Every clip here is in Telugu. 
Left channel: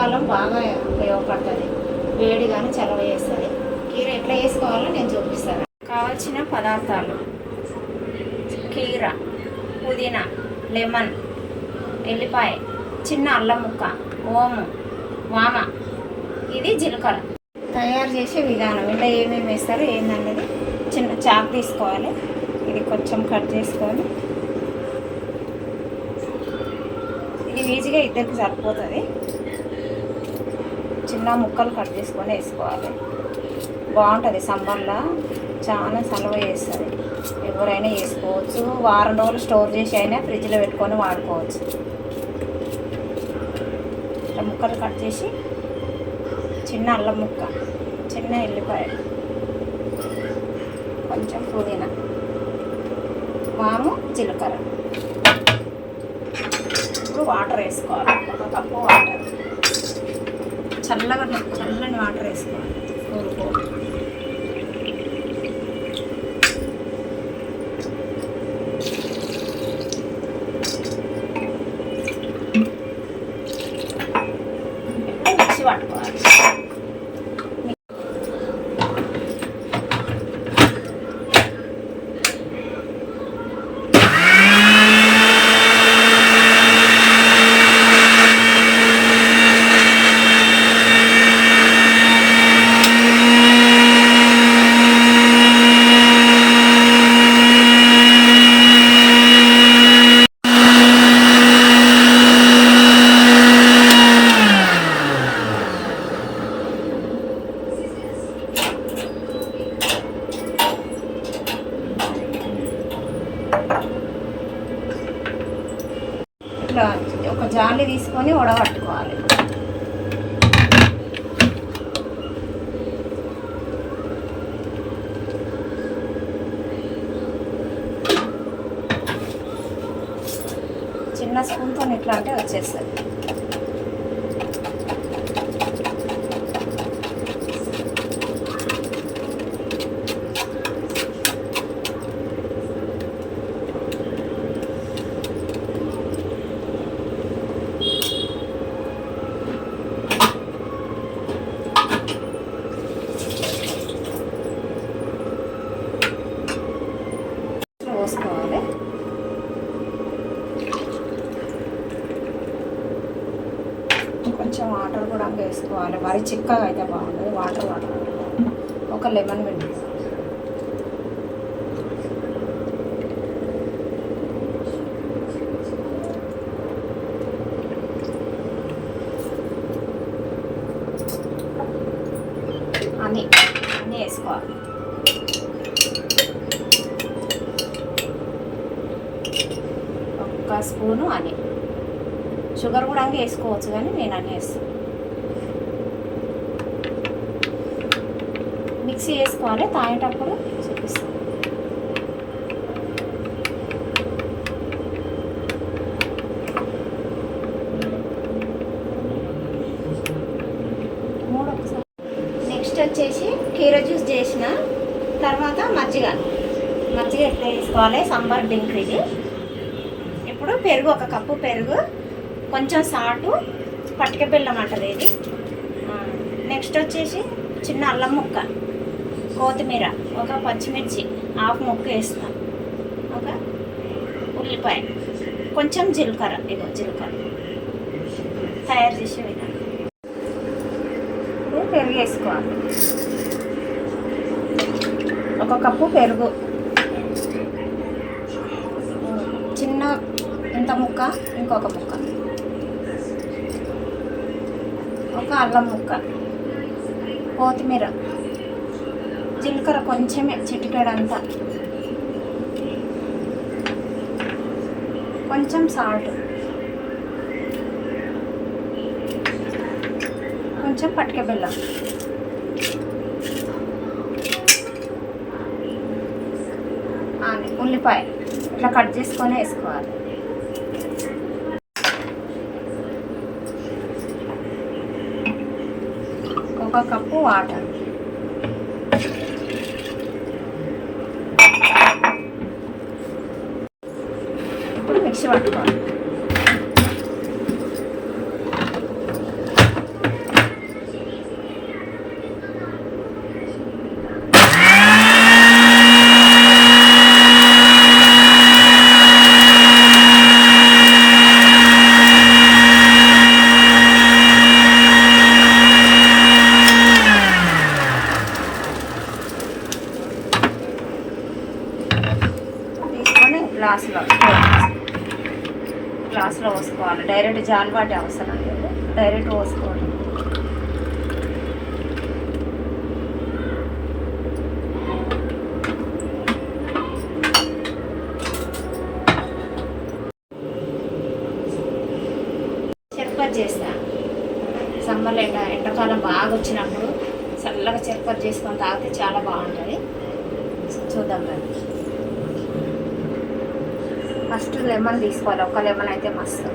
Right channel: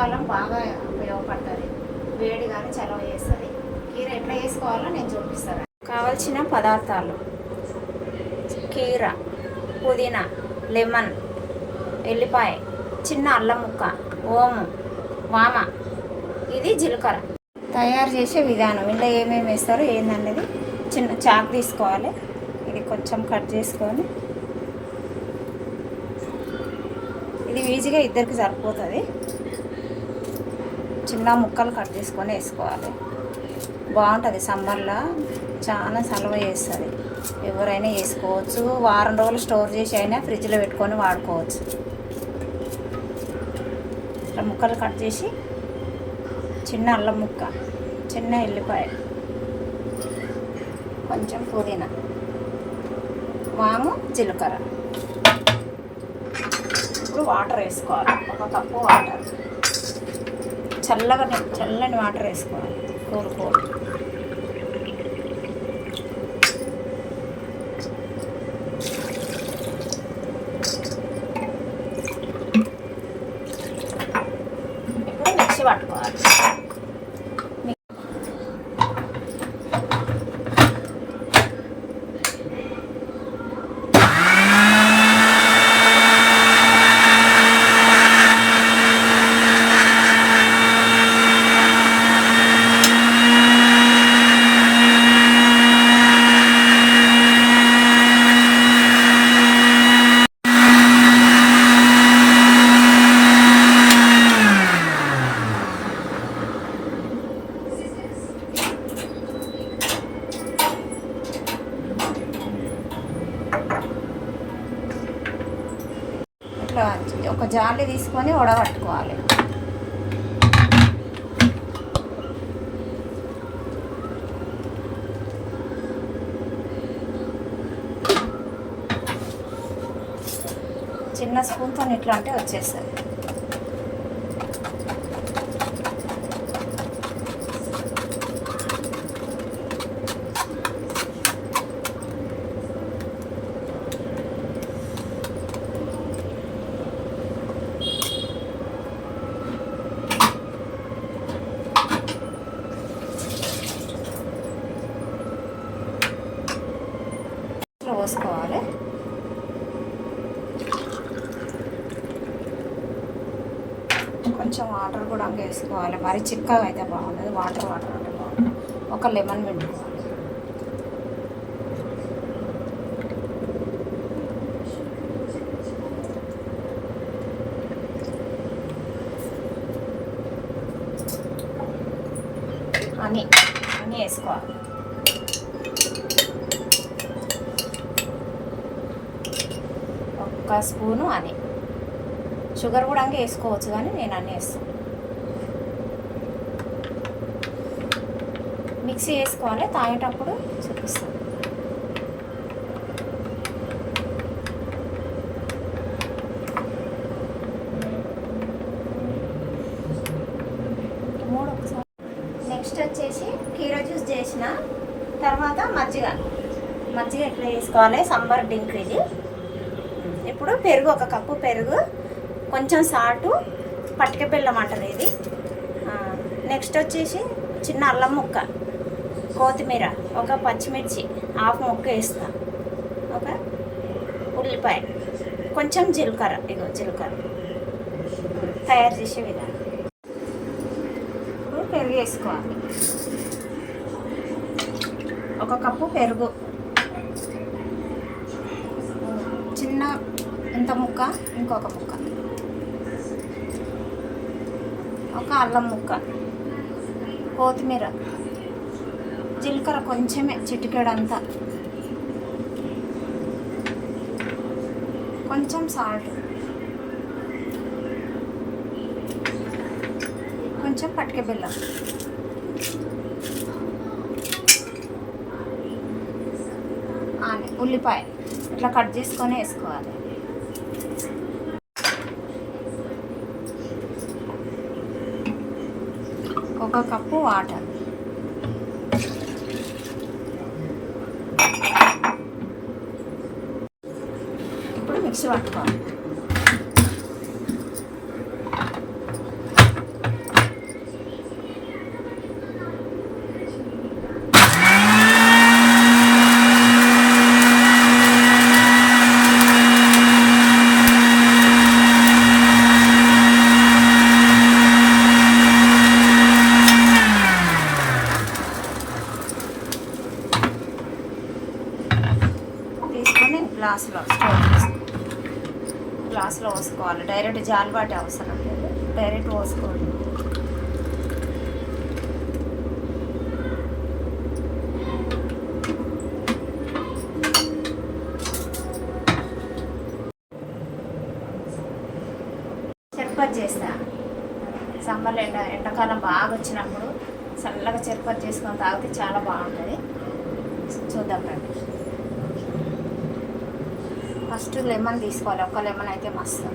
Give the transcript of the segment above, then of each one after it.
ఎండాకాలం బాగా ఉపయోగపడుతుంది, వేడి కానీ చలవ చేస్తుంది. కీర ఎట్లా వేసుకోవాలో నేను చూపిస్తాను. కావాల్సిన పదార్థాలు: కీర, పుదీనా, లెమన్, ఎల్లిపాయ, చిన్న అల్లం ముక్క, ఓము, వామ, ఇది జీలకర్ర. తయారు చేసే విధానం, ఇలా ఏమేమి వేస్తారో ఏందనేది చిన్న చాకు తీసుకోవాలి. ఇది కొంచెం కట్ చేసుకొని, ఇది ఈజీగా ఇద్దరికి సరిపోతుంది. చిన్న ముక్కలు కట్ చేసుకొని వేసుకోవాలి. బాగుంటుంది, సమ్మర్లో చాలా సలవ చేస్తుంది. ఎవరైనా వేసుకోవచ్చు. వారం రోజులు స్టోర్ చేసి అయినా ఫ్రిడ్జ్లో పెట్టుకొని వాడుకోవచ్చు. ఇట్లా ముక్కలు కట్ చేసి, చిన్న అల్లం ముక్క, చిన్న ఎల్లిపాయ, కొంచెం పుదీనా, వాము, జీలకర్ర. ఇప్పుడు వాటర్ వేసుకోవాలి. 1 కప్పు వాటర్, చల్లని వాటర్ వేసుకోవాలి. కోరుకోవాలి. మిక్సీ పట్టుకోవాలి. ఇట్లా ఒక జాలి తీసుకొని ఉడగట్టుకోవాలి. చిన్న స్పూన్తో ఇట్లా అంటే వచ్చేస్తుంది. పోసుకోవాలి. కొంచెం వాటర్ కూడా వేసుకోవాలి. మరి చిక్కగా అయితే బాగుంటుంది. వాటర్ అంటే బాగుంటుంది. ఒక లెమన్ పిండుకోవాలి. అన్నీ వేసుకోవాలి. ఒక స్పూను అని, షుగర్ కూడా వేసుకోవచ్చు, కానీ నేను అన్నీ వేస్తాను. మిక్సీ వేసుకోవాలి. తాగేటప్పుడు చూపిస్తాను. నెక్స్ట్ వచ్చేసి కీర జ్యూస్ చేసిన తర్వాత మజ్జిగ ఎట్లా వేసుకోవాలి. సమ్మర్ డ్రింక్ ఇది. ఇప్పుడు పెరుగు, 1 కప్పు పెరుగు, కొంచెం సాల్టు, పటిక బెల్లం అంటారు ఇది. నెక్స్ట్ వచ్చేసి చిన్న అల్లం ముక్క, కొత్తిమీర, 1 పచ్చిమిర్చి, 1/2 ముక్క వేస్తాను, 1 ఉల్లిపాయ, కొంచెం జీలకర్ర. ఇగో జీలకర్ర. తయారు చేసే విధానం. ఇప్పుడు పెరుగు వేసుకోవాలి. 1 కప్పు పెరుగు, చిన్న ఇంత ముక్క, ఇంకొక ముక్క, 1 అల్లం ముక్క, కొత్తిమీర, జీలకర్ర కొంచెమే, చిటికెడంతా, కొంచెం సాల్ట్, కొంచెం పటిక బెల్లం, ఉల్లిపాయ ఇట్లా కట్ చేసుకొని వేసుకోవాలి. ఒక కప్పు వాటర్, ఇప్పుడు మిక్సీ పట్టుకోవాలి. డైరెక్ట్ జాలిబాటి అవసరం లేదు, డైరెక్ట్ పోసుకోవడం. చెరుపతి చేస్తా సమ్మర్ ఎండాకాలం బాగా వచ్చినప్పుడు చల్లగా చెరుపతి చేసుకొని తాగితే చాలా బాగుంటుంది. చూద్దాం రండి. ఫస్ట్ లెమన్ తీసుకోవాలి, ఒక లెమన్ అయితే మస్తు.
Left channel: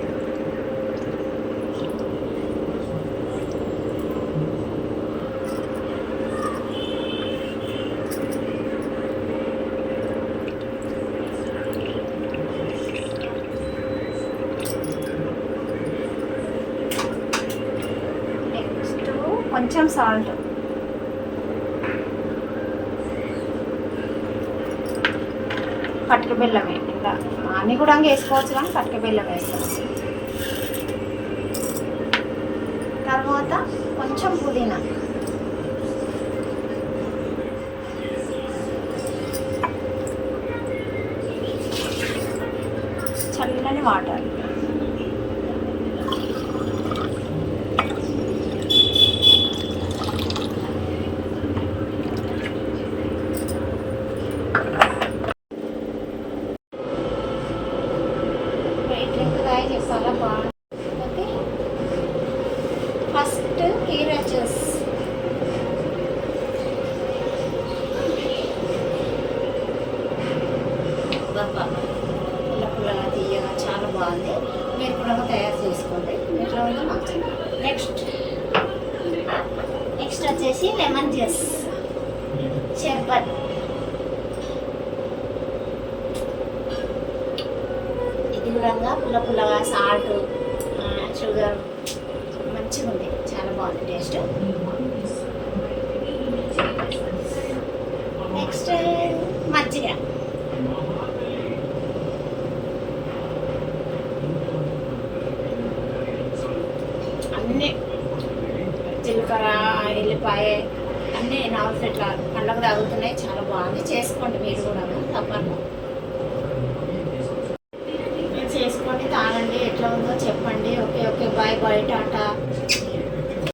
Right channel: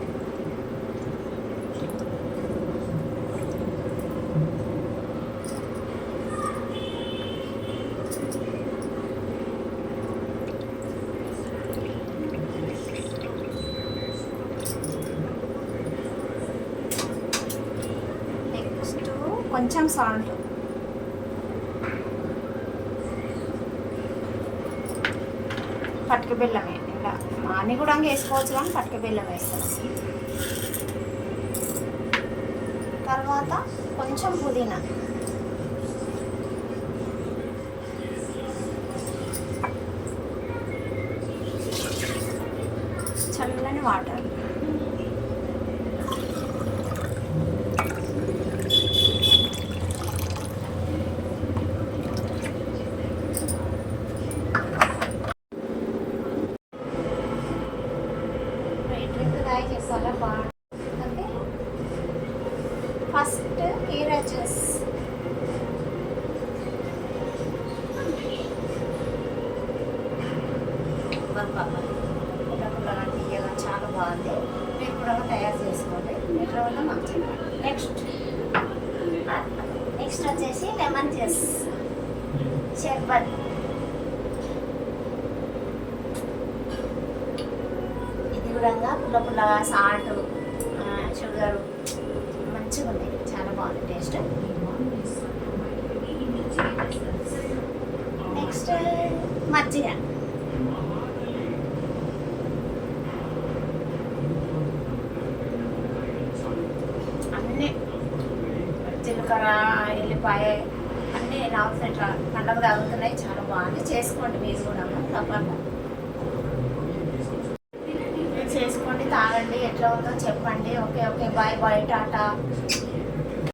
నెక్స్ట్ కొంచెం సాల్ట్, కటిక బెల్లమే. ఇంకా అన్నీ కూడా వేసుకోవచ్చు కానీ కటిక బెల్లం వేస్తాం. తర్వాత కొంచెం పుదీనా, చల్లని వాటర్, డ్రింక్ తాగి చాలా బాగుంటుంది. ఫస్ట్ కీరా జ్యూస్, పుల్లగా తీయగా చాలా బాగుంది. మీరు కూడా తయారు చేసుకోండి, ఇట్లా ఉంది మాకు. నెక్స్ట్ వచ్చేసి లెమన్ జ్యూస్, షర్బత్. ఇది కూడా పుల్లగా సాల్ట్, షుగర్ మంచిగా ఉంది, చాలా బాగుంది టేస్ట్. నెక్స్ట్ మజ్జిగ, అన్నీ జీలకర్ర, ఎల్లిపాయ అన్నీ నాలుగు ఇట్లా పండగ తాగుతున్నాయి, చాలా బాగుంది. చేసుకోండి మీరు కూడా తప్పకుండా.